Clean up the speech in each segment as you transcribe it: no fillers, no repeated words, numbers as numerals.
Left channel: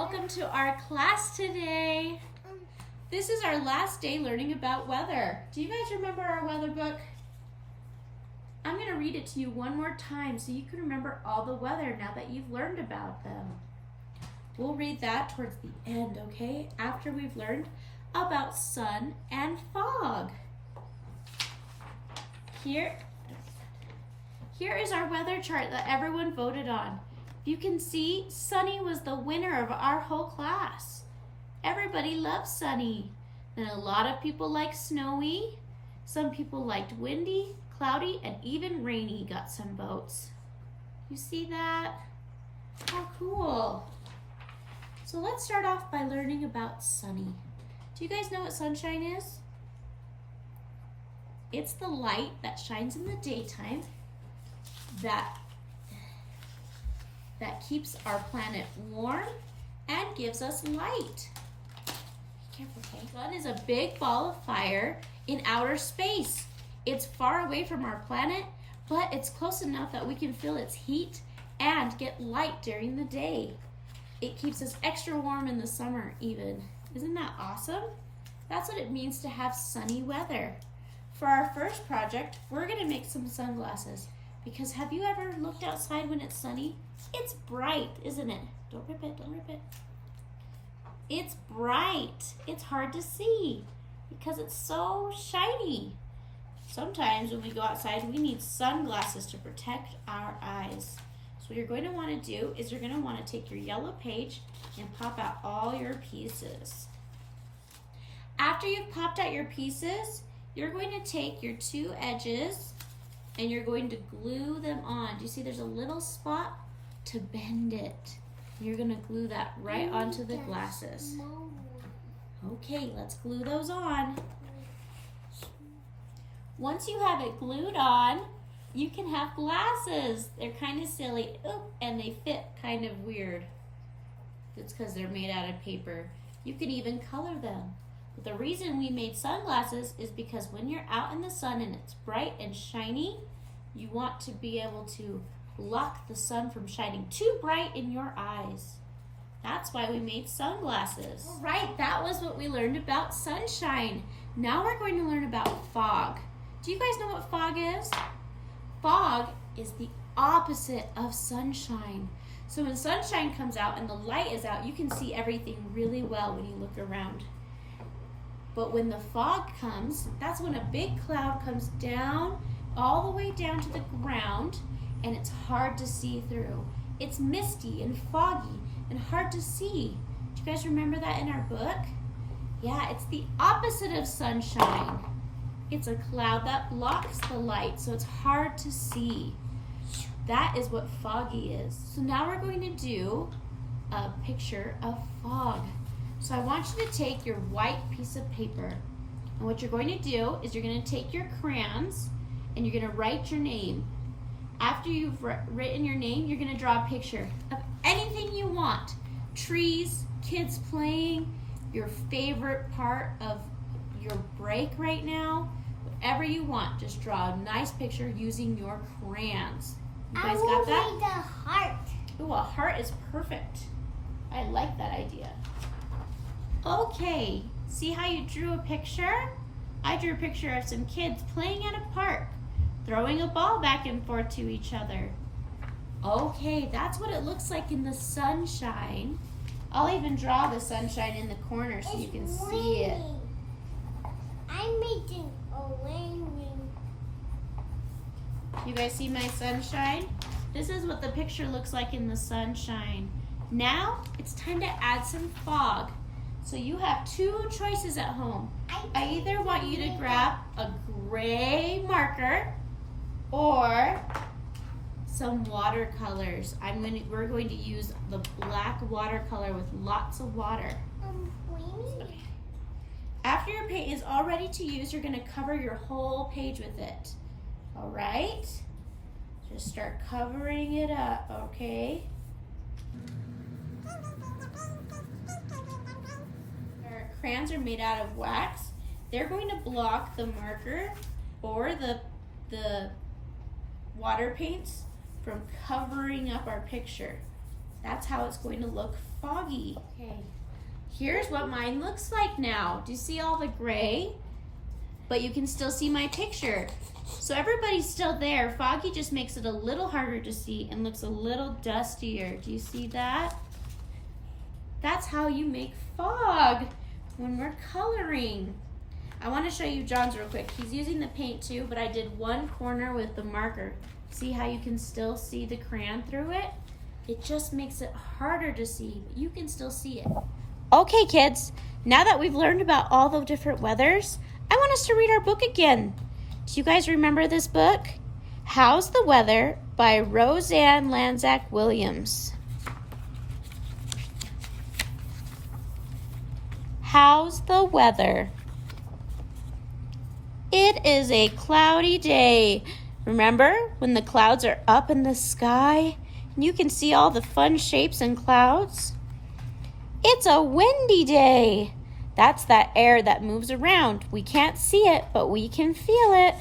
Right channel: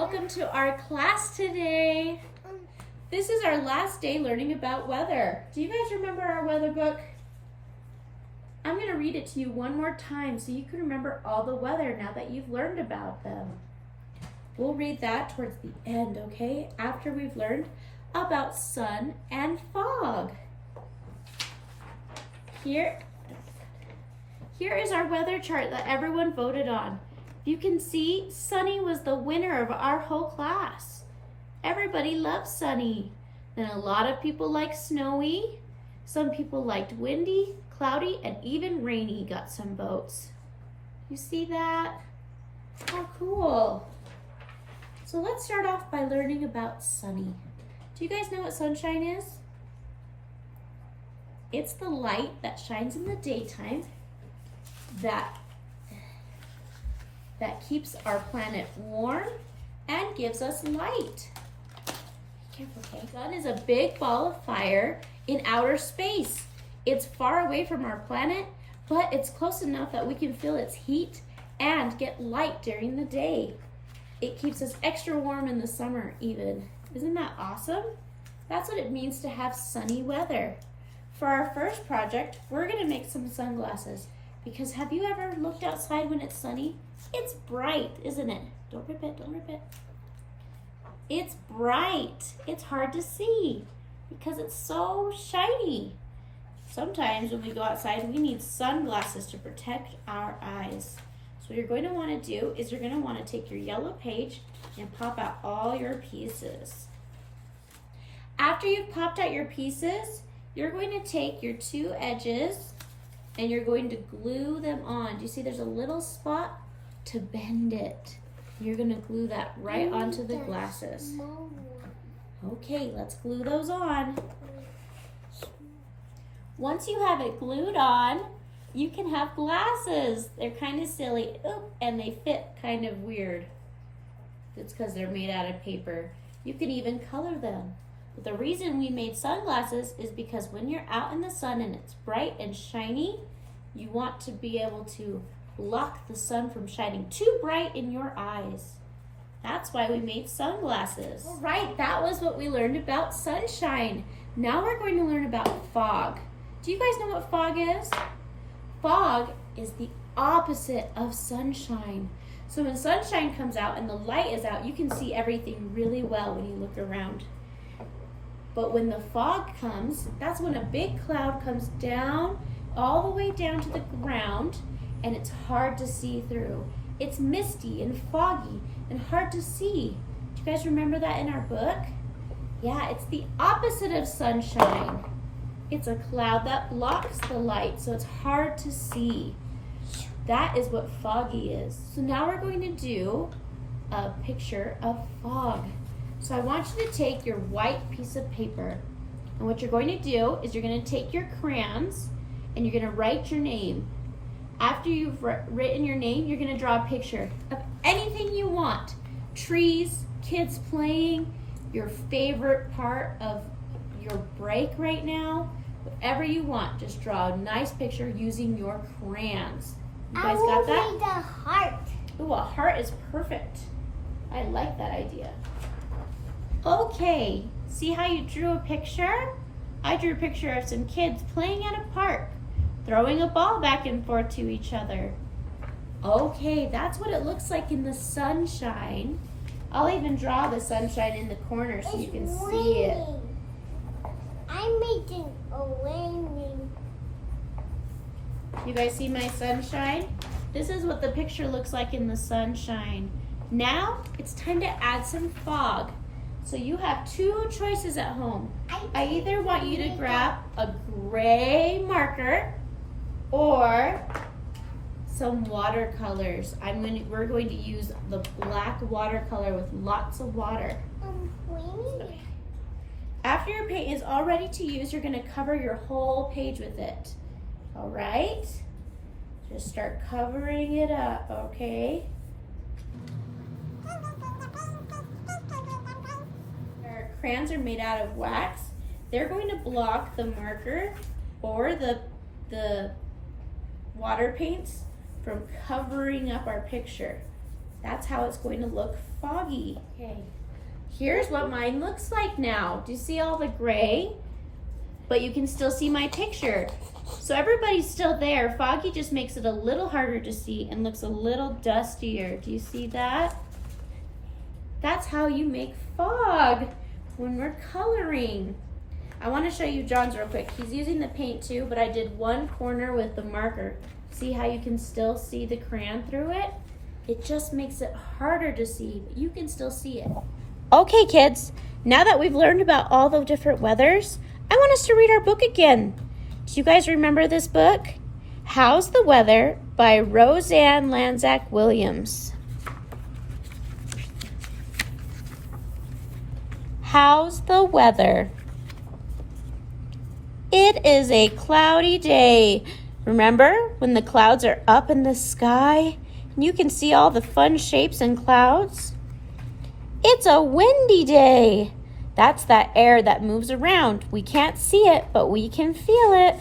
Welcome to our class today. This is our last day learning about weather. Do you guys remember our weather book? I'm going to read it to you one more time so you can remember all the weather now that you've learned about them. We'll read that towards the end, okay? After we've learned about sun and fog. Here is our weather chart that everyone voted on. You can see Sunny was the winner of our whole class. Everybody loves Sunny. And a lot of people like Snowy. Some people liked Windy, Cloudy, and even Rainy got some votes. You see that? How cool. So let's start off by learning about Sunny. Do you guys know what sunshine is? It's the light that shines in the daytime that keeps our planet warm and gives us light. Be careful, okay? The sun is a big ball of fire in outer space. It's far away from our planet, but it's close enough that we can feel its heat and get light during the day. It keeps us extra warm in the summer even. Isn't that awesome? That's what it means to have sunny weather. For our first project, we're gonna make some sunglasses. Because have you ever looked outside when it's sunny? It's bright, isn't it? Don't rip it, don't rip it. It's bright. It's hard to see because it's so shiny. Sometimes when we go outside, we need sunglasses to protect our eyes. So what you're going to want to do is you're going to want to take your yellow page and pop out all your pieces. After you've popped out your pieces, you're going to take your two edges and you're going to glue them on. Do you see there's a little spot to bend it? You're gonna glue that right onto the glasses. Okay, let's glue those on. Once you have it glued on, you can have glasses. They're kind of silly, and they fit kind of weird. It's because they're made out of paper. You can even color them. But the reason we made sunglasses is because when you're out in the sun and it's bright and shiny, you want to be able to block the sun from shining too bright in your eyes. That's why we made sunglasses. All right, that was what we learned about sunshine. Now we're going to learn about fog. Do you guys know what fog is? Fog is the opposite of sunshine. So when sunshine comes out and the light is out, you can see everything really well when you look around. But when the fog comes, that's when a big cloud comes down, all the way down to the ground, and it's hard to see through. It's misty and foggy and hard to see. Do you guys remember that in our book? Yeah, it's the opposite of sunshine. It's a cloud that blocks the light, so it's hard to see. That is what foggy is. So now we're going to do a picture of fog. So I want you to take your white piece of paper, and what you're going to do is you're going to take your crayons and you're going to write your name. After you've written your name, you're going to draw a picture of anything you want. Trees, kids playing, your favorite part of your break right now, whatever you want. Just draw a nice picture using your crayons. You guys got that? I will make a heart. Ooh, a heart is perfect. I like that idea. Okay, see how you drew a picture? I drew a picture of some kids playing at a park, throwing a ball back and forth to each other. Okay, that's what it looks like in the sunshine. I'll even draw the sunshine in the corner so you can see it. I'm making a raining. You guys see my sunshine? This is what the picture looks like in the sunshine. Now, it's time to add some fog. So you have two choices at home. I either want you to grab a gray marker or some watercolors. We're going to use the black watercolor with lots of water. Raining. After your paint is all ready to use, you're going to cover your whole page with it. All right? Just start covering it up, okay? Our crayons are made out of wax. They're going to block the marker or the water paints from covering up our picture. That's how it's going to look foggy. Okay, here's what mine looks like now. Do you see all the gray? But you can still see my picture. So everybody's still there. Foggy just makes it a little harder to see and looks a little dustier. Do you see that? That's how you make fog when we're coloring. I want to show you John's real quick. He's using the paint too, but I did one corner with the marker. See how you can still see the crayon through it? It just makes it harder to see, but you can still see it. Okay, kids, now that we've learned about all the different weathers, I want us to read our book again. Do you guys remember this book? How's the Weather by Roseanne Lanzac Williams. How's the weather? It is a cloudy day. Remember when the clouds are up in the sky and you can see all the fun shapes and clouds? It's a windy day. That's that air that moves around. We can't see it, but we can feel it.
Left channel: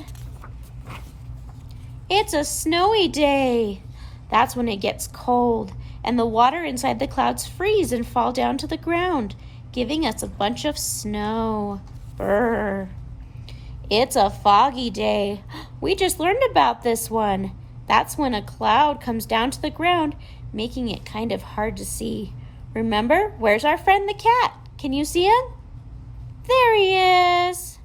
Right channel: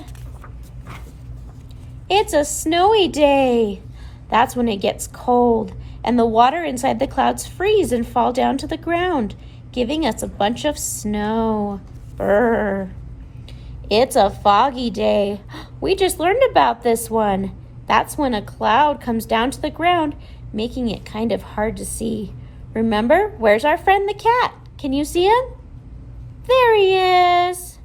It's a snowy day. That's when it gets cold and the water inside the clouds freeze and fall down to the ground, giving us a bunch of snow. Brr. It's a foggy day. We just learned about this one. That's when a cloud comes down to the ground, making it kind of hard to see. Remember, where's our friend the cat? Can you see him? There he is.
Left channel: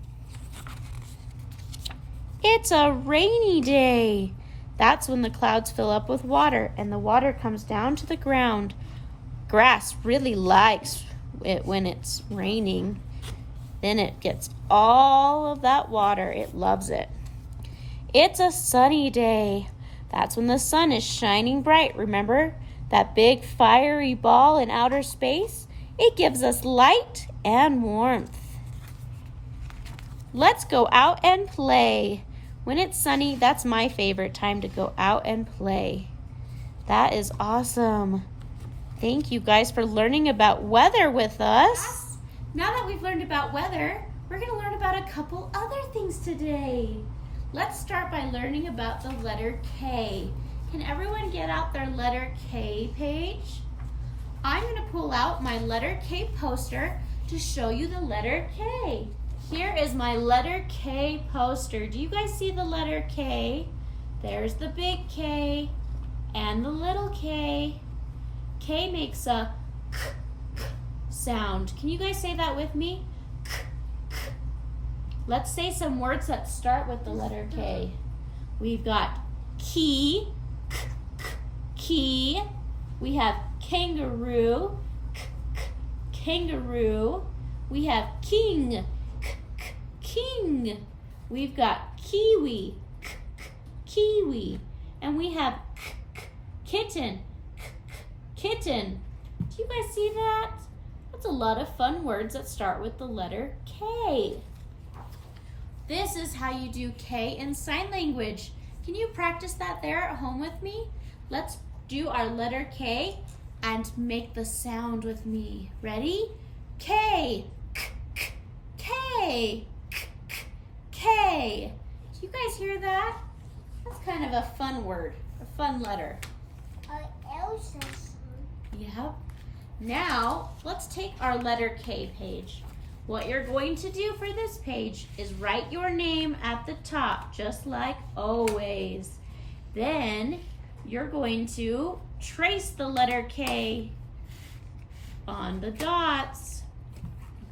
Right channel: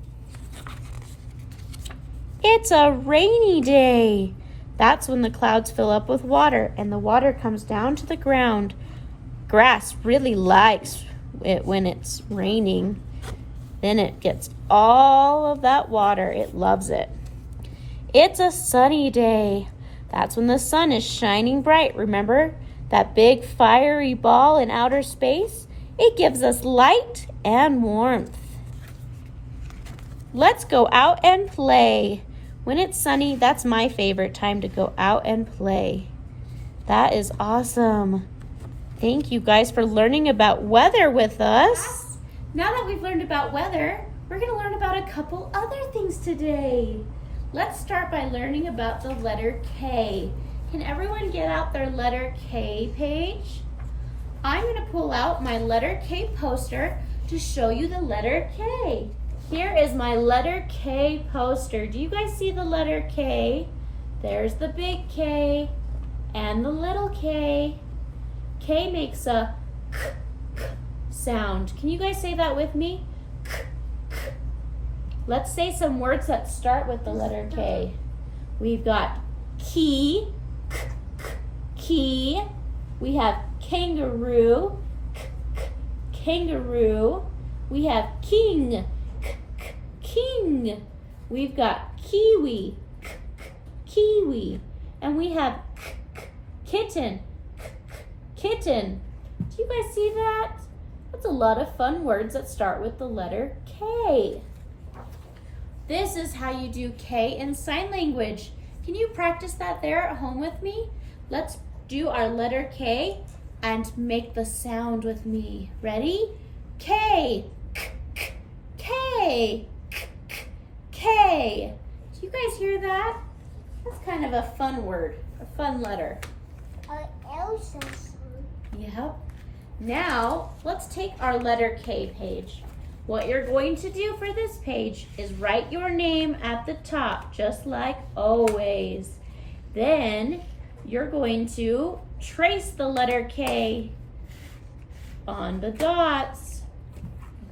It's a rainy day. That's when the clouds fill up with water and the water comes down to the ground. Grass really likes it when it's raining. Then it gets all of that water. It loves it. It's a sunny day. That's when the sun is shining bright. Remember that big fiery ball in outer space? It gives us light and warmth. Let's go out and play. When it's sunny, that's my favorite time to go out and play. That is awesome. Thank you guys for learning about weather with us. Now that we've learned about weather, we're going to learn about a couple other things today. Let's start by learning about the letter K. Can everyone get out their letter K page? I'm going to pull out my letter K poster to show you the letter K. Here is my letter K poster. Do you guys see the letter K? There's the big K and the little K. K makes a k, k sound. Can you guys say that with me? K, k. Let's say some words that start with the letter K. We've got key, k, k, key. We have kangaroo, k, k, kangaroo. We have king, k, k, king. We've got kiwi, k, k, kiwi. And we have k, k, kitten, k, k, kitten. Do you guys see that? That's a lot of fun words that start with the letter K. This is how you do K in sign language. Can you practice that there at home with me? Let's do our letter K and make the sound with me. Ready? K, k, k, K, k, k, K. Do you guys hear that? That's kind of a fun word, a fun letter. Elsa song. Yep. Now, let's take our letter K page. What you're going to do for this page is write your name at the top, just like always. Then, you're going to trace the letter K on the dots.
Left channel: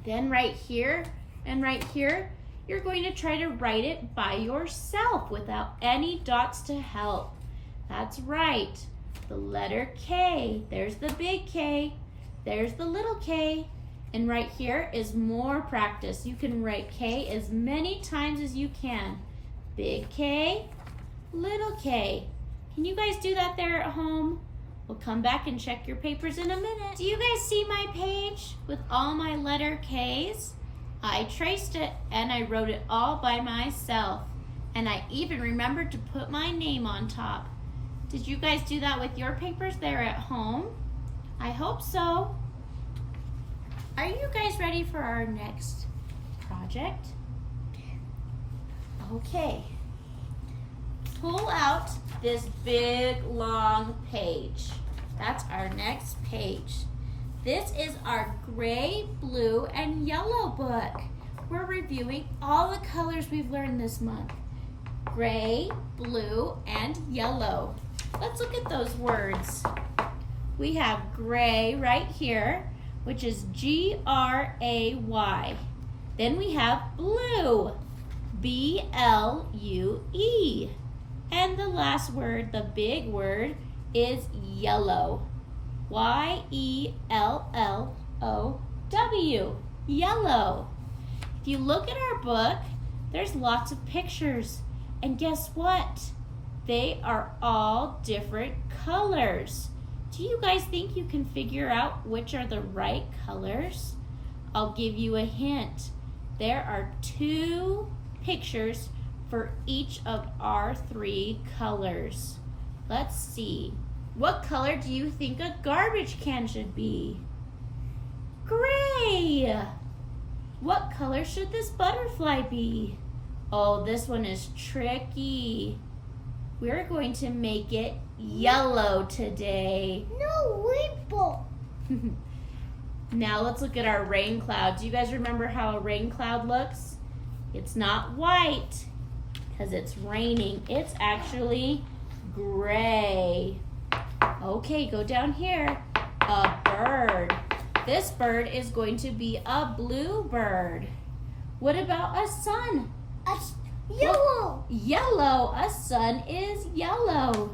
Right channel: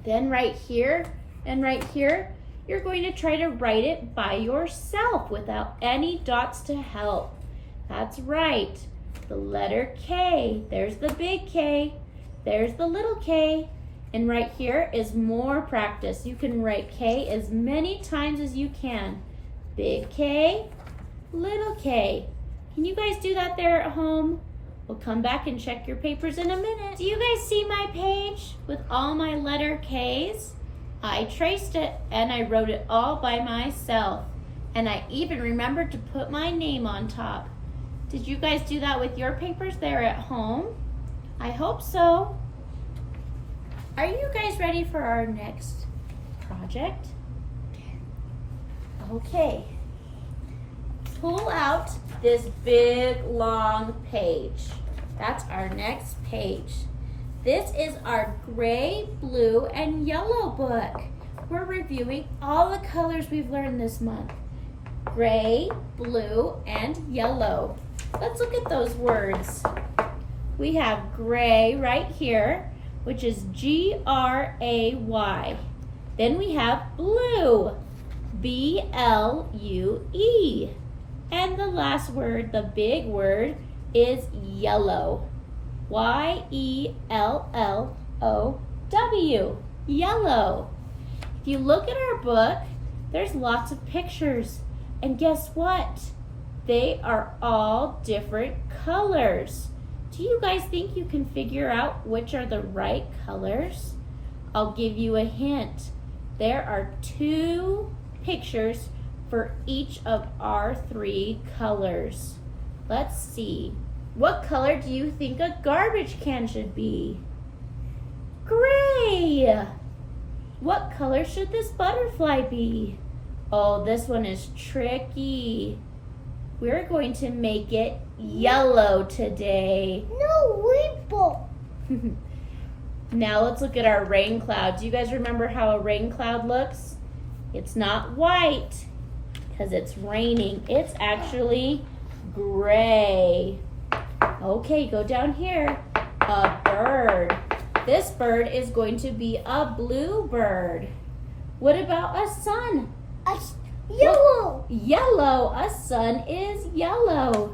Then right here and right here, you're going to try to write it by yourself without any dots to help. That's right. The letter K. There's the big K. There's the little K. And right here is more practice. You can write K as many times as you can. Big K, little K. Can you guys do that there at home? We'll come back and check your papers in a minute. Do you guys see my page with all my letter Ks? I traced it and I wrote it all by myself. And I even remembered to put my name on top. Did you guys do that with your papers there at home? I hope so. Are you guys ready for our next project? Okay. Pull out this big long page. That's our next page. This is our gray, blue, and yellow book. We're reviewing all the colors we've learned this month. Gray, blue, and yellow. Let's look at those words. We have gray right here, which is G-R-A-Y. Then we have blue, B-L-U-E. And the last word, the big word, is yellow, Y-E-L-L-O-W, yellow. If you look at our book, there's lots of pictures. And guess what? They are all different colors. Do you guys think you can figure out which are the right colors? I'll give you a hint. There are 2 pictures for each of our 3 colors. Let's see. What color do you think a garbage can should be? Gray. What color should this butterfly be? Oh, this one is tricky. We're going to make it yellow today. No, rainbow. Now let's look at our rain cloud. Do you guys remember how a rain cloud looks? It's not white because it's raining. It's actually gray. Okay, go down here. A bird. This bird is going to be a blue bird. What about a sun? Yellow. Yellow. A sun is yellow.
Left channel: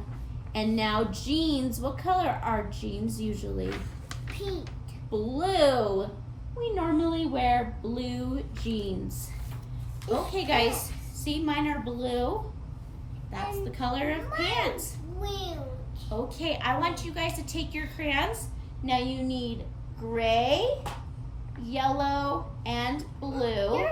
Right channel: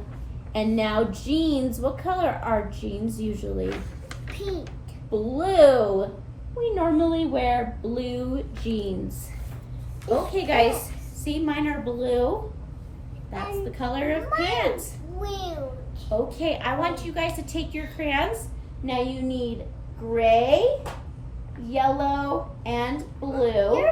And now jeans. What color are jeans usually? Pink. Blue. We normally wear blue jeans. Okay, guys. See, mine are blue. That's the color of pants. Blue. Okay, I want you guys to take your crayons. Now you need gray, yellow, and blue.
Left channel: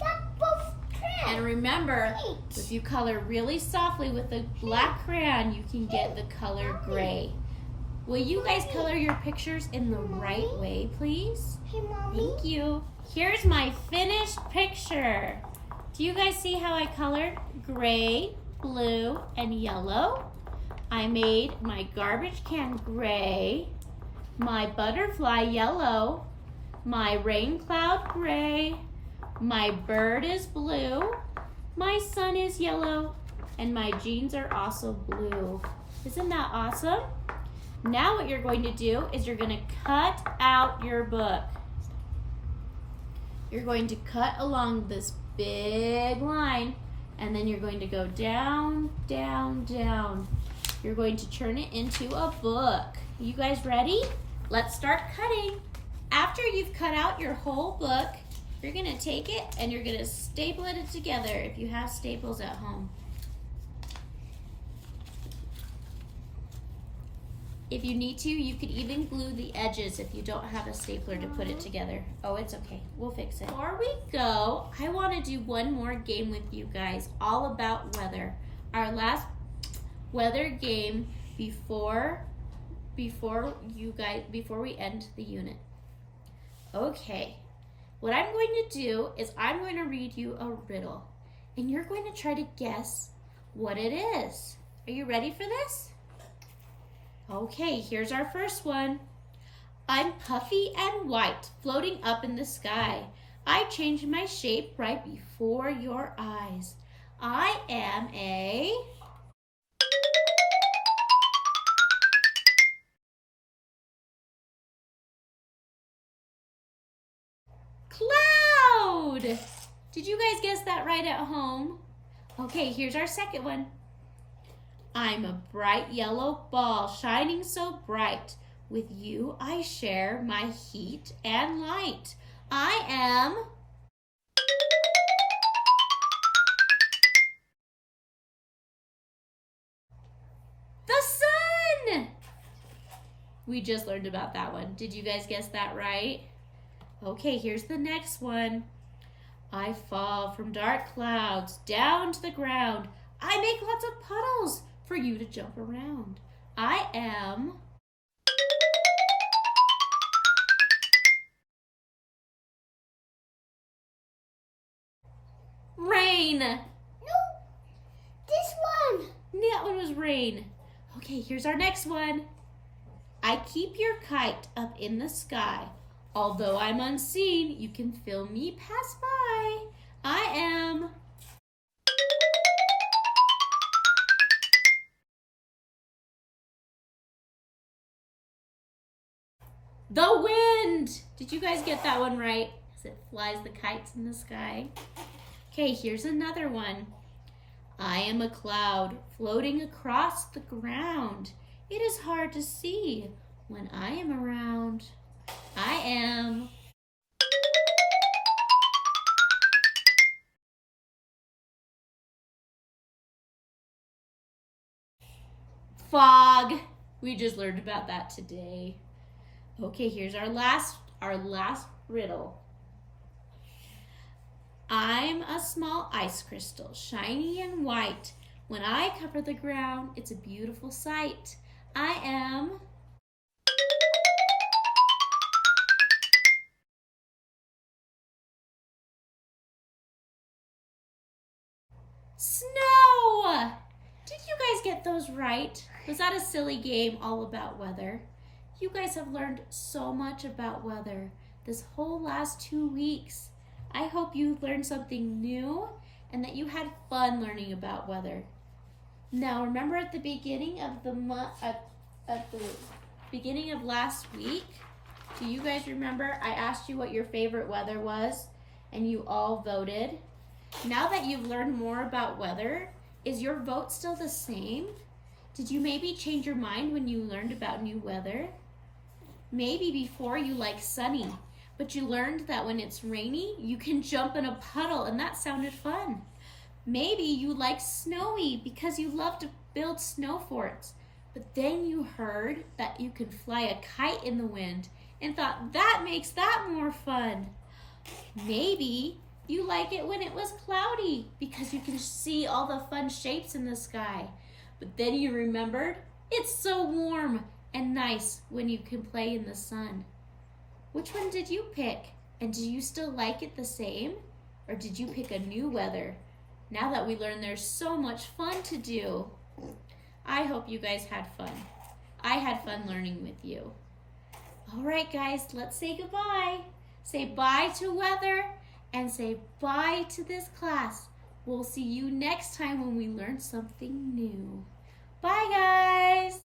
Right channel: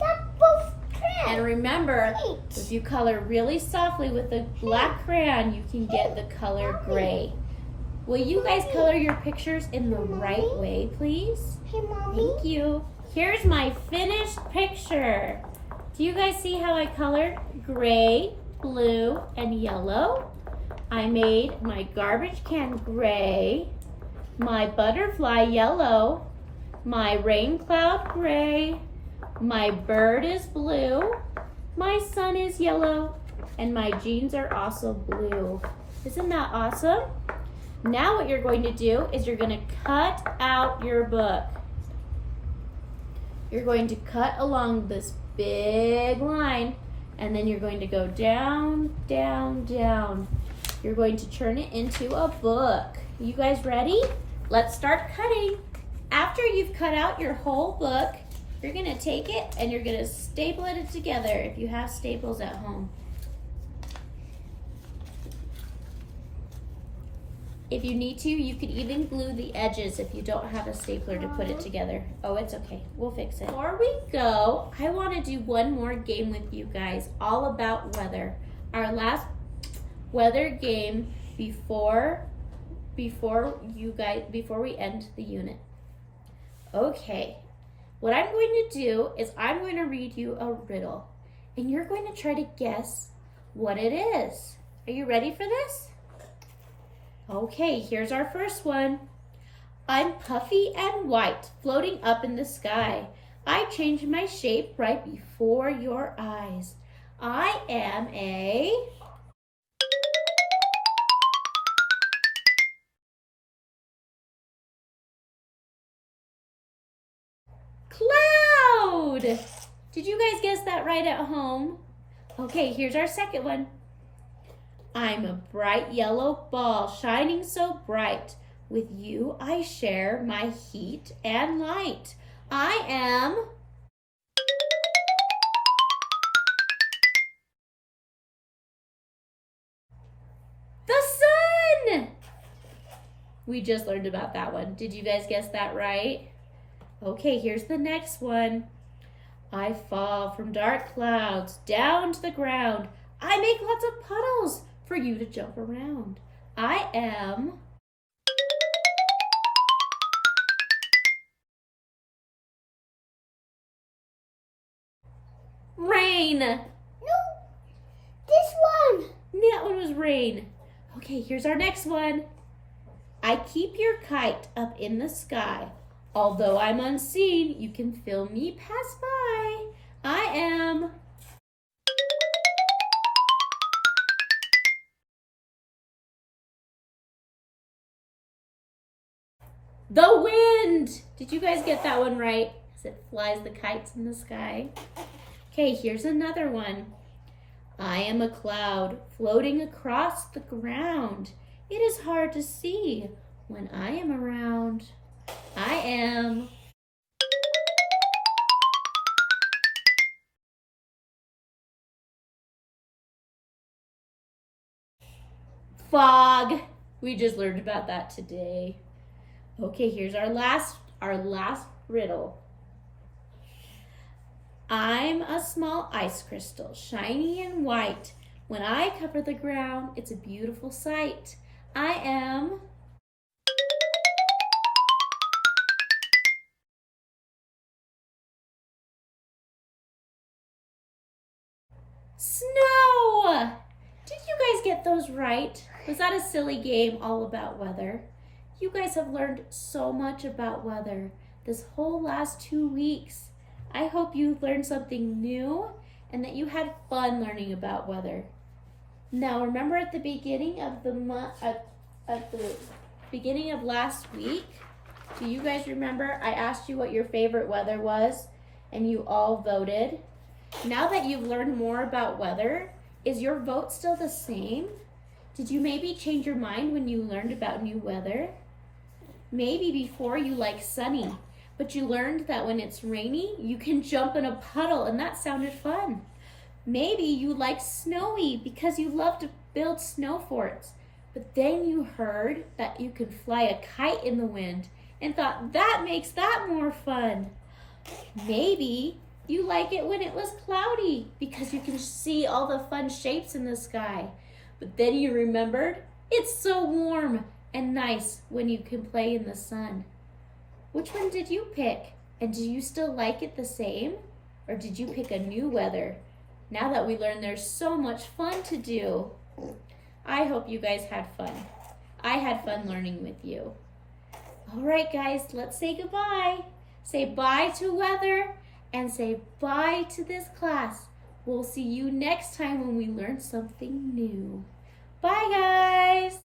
That's both crayons. And remember, if you color really softly with a black crayon, you can get the color gray. Will you guys color your pictures in the right way, please? Hey, Mommy. Thank you. Here's my finished picture. Do you guys see how I colored gray, blue, and yellow? I made my garbage can gray, my butterfly yellow, my rain cloud gray, my bird is blue, my sun is yellow, and my jeans are also blue. Isn't that awesome? Now what you're going to do is you're going to cut out your book. You're going to cut along this big line, and then you're going to go down, down, down. You're going to turn it into a book. You guys ready? Let's start cutting. After you've cut out your whole book, you're gonna take it and you're gonna staple it together if you have staples at home. If you need to, you could even glue the edges if you don't have a stapler to put it together. Oh, it's okay. We'll fix it. Before we go, I want to do one more game with you guys, all about weather. Our last weather game before we end the unit. Okay. What I'm going to do is I'm going to read you a riddle, and you're going to try to guess what it is. Are you ready for this? Okay, here's our first one. I'm puffy and white, floating up in the sky. I change my shape right before your eyes. I am a... cloud! Did you guys guess that right at home? Okay, here's our second one. I'm a bright yellow ball, shining so bright. With you I share my heat and light. I am... the sun! We just learned about that one. Did you guys guess that right? Okay, here's the next one. I fall from dark clouds down to the ground. I make lots of puddles for you to jump around. I am... rain. No, this one. That one was rain. Okay, here's our next one. I keep your kite up in the sky. Although I'm unseen, you can feel me pass by. I am the wind. Did you guys get that one right? As it flies the kites in the sky. Okay, here's another one. I am a cloud floating across the ground. It is hard to see when I am around. I am fog. We just learned about that today. Okay, here's our last riddle. I'm a small ice crystal, shiny and white. When I cover the ground, it's a beautiful sight. I am snow. Did you guys get those right? Was that a silly game all about weather? You guys have learned so much about weather this whole last 2 weeks. I hope you learned something new and that you had fun learning about weather. Now, remember at the beginning of the beginning of last week, do you guys remember I asked you what your favorite weather was and you all voted? Now that you've learned more about weather, is your vote still the same? Did you maybe change your mind when you learned about new weather? Maybe before you liked sunny, but you learned that when it's rainy, you can jump in a puddle and that sounded fun. Maybe you liked snowy because you love to build snow forts, but then you heard that you could fly a kite in the wind and thought that makes that more fun. Maybe you like it when it was cloudy because you can see all the fun shapes in the sky, but then you remembered it's so warm and nice when you can play in the sun. Which one did you pick? And do you still like it the same? Or did you pick a new weather? Now that we learned there's so much fun to do. I hope you guys had fun. I had fun learning with you. All right, guys, let's say goodbye. Say bye to weather and say bye to this class. We'll see you next time when we learn something new. Bye, guys.